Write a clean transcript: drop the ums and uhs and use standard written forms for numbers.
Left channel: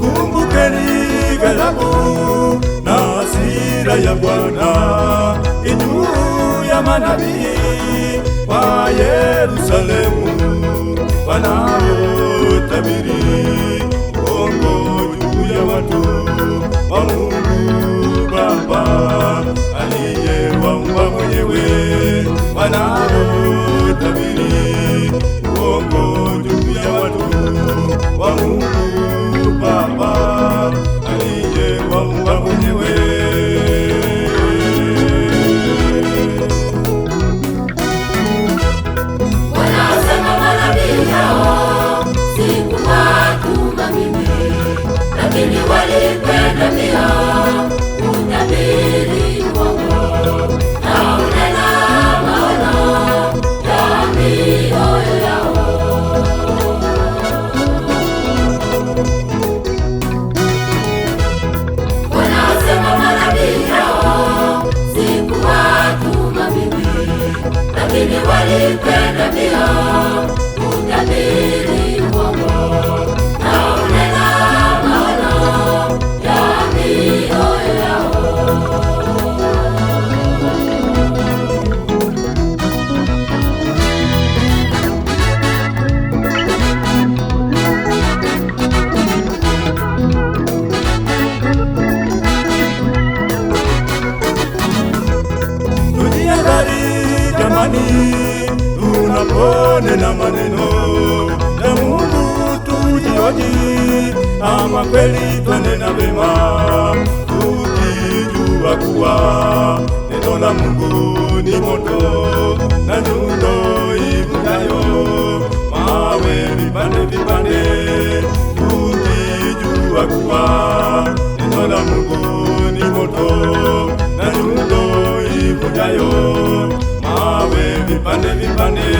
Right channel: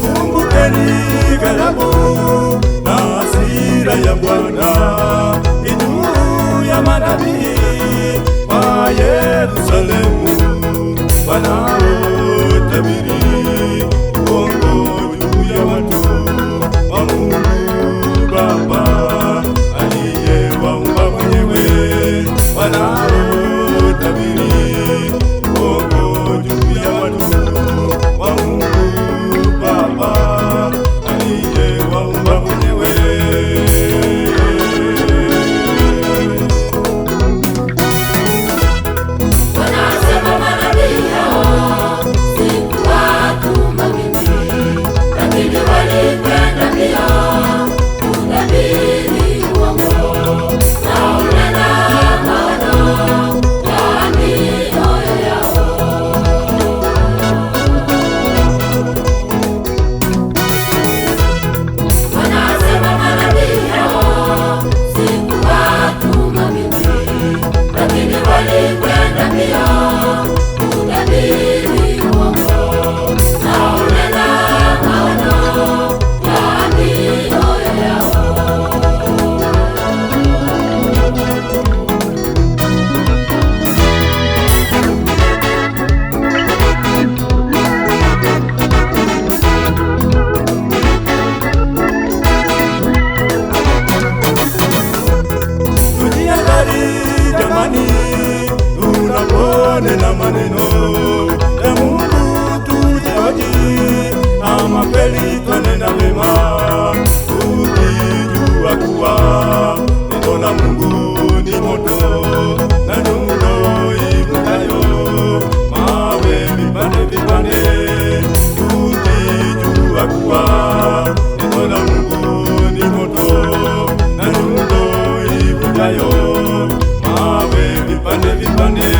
Kumbukeni ghadhabu na hasira ya Bwana juu ya manabii wa Yerusalemu wanaotabiri uongo juu ya watu wa Mungu Baba aliyewaumba mwenyewe, wanaotabiri uongo juu ya watu wa Mungu Baba aliyewaumba mwenyewe. Wanasema manabii hao sikuwatuma mimi, lakini walikwenda mbio kutabiri uongo na unena maono ya mioyo yao. Wanasema manabii hao sikuwatuma mimi, lakini walikwenda mbio kutabiri uongo na unena maono ya mioyo yao. Tujihadhari jamani, tunaponena maneno ya Mungu, tujihoji ama kweli twanena vema, tukijua kuwa neno la Mungu ni moto na nyundo ivunjayo mawe vipande vipande, tukijua kuwa neno la Mungu ni moto na nyundo ivunjayo mawe vipande vipande.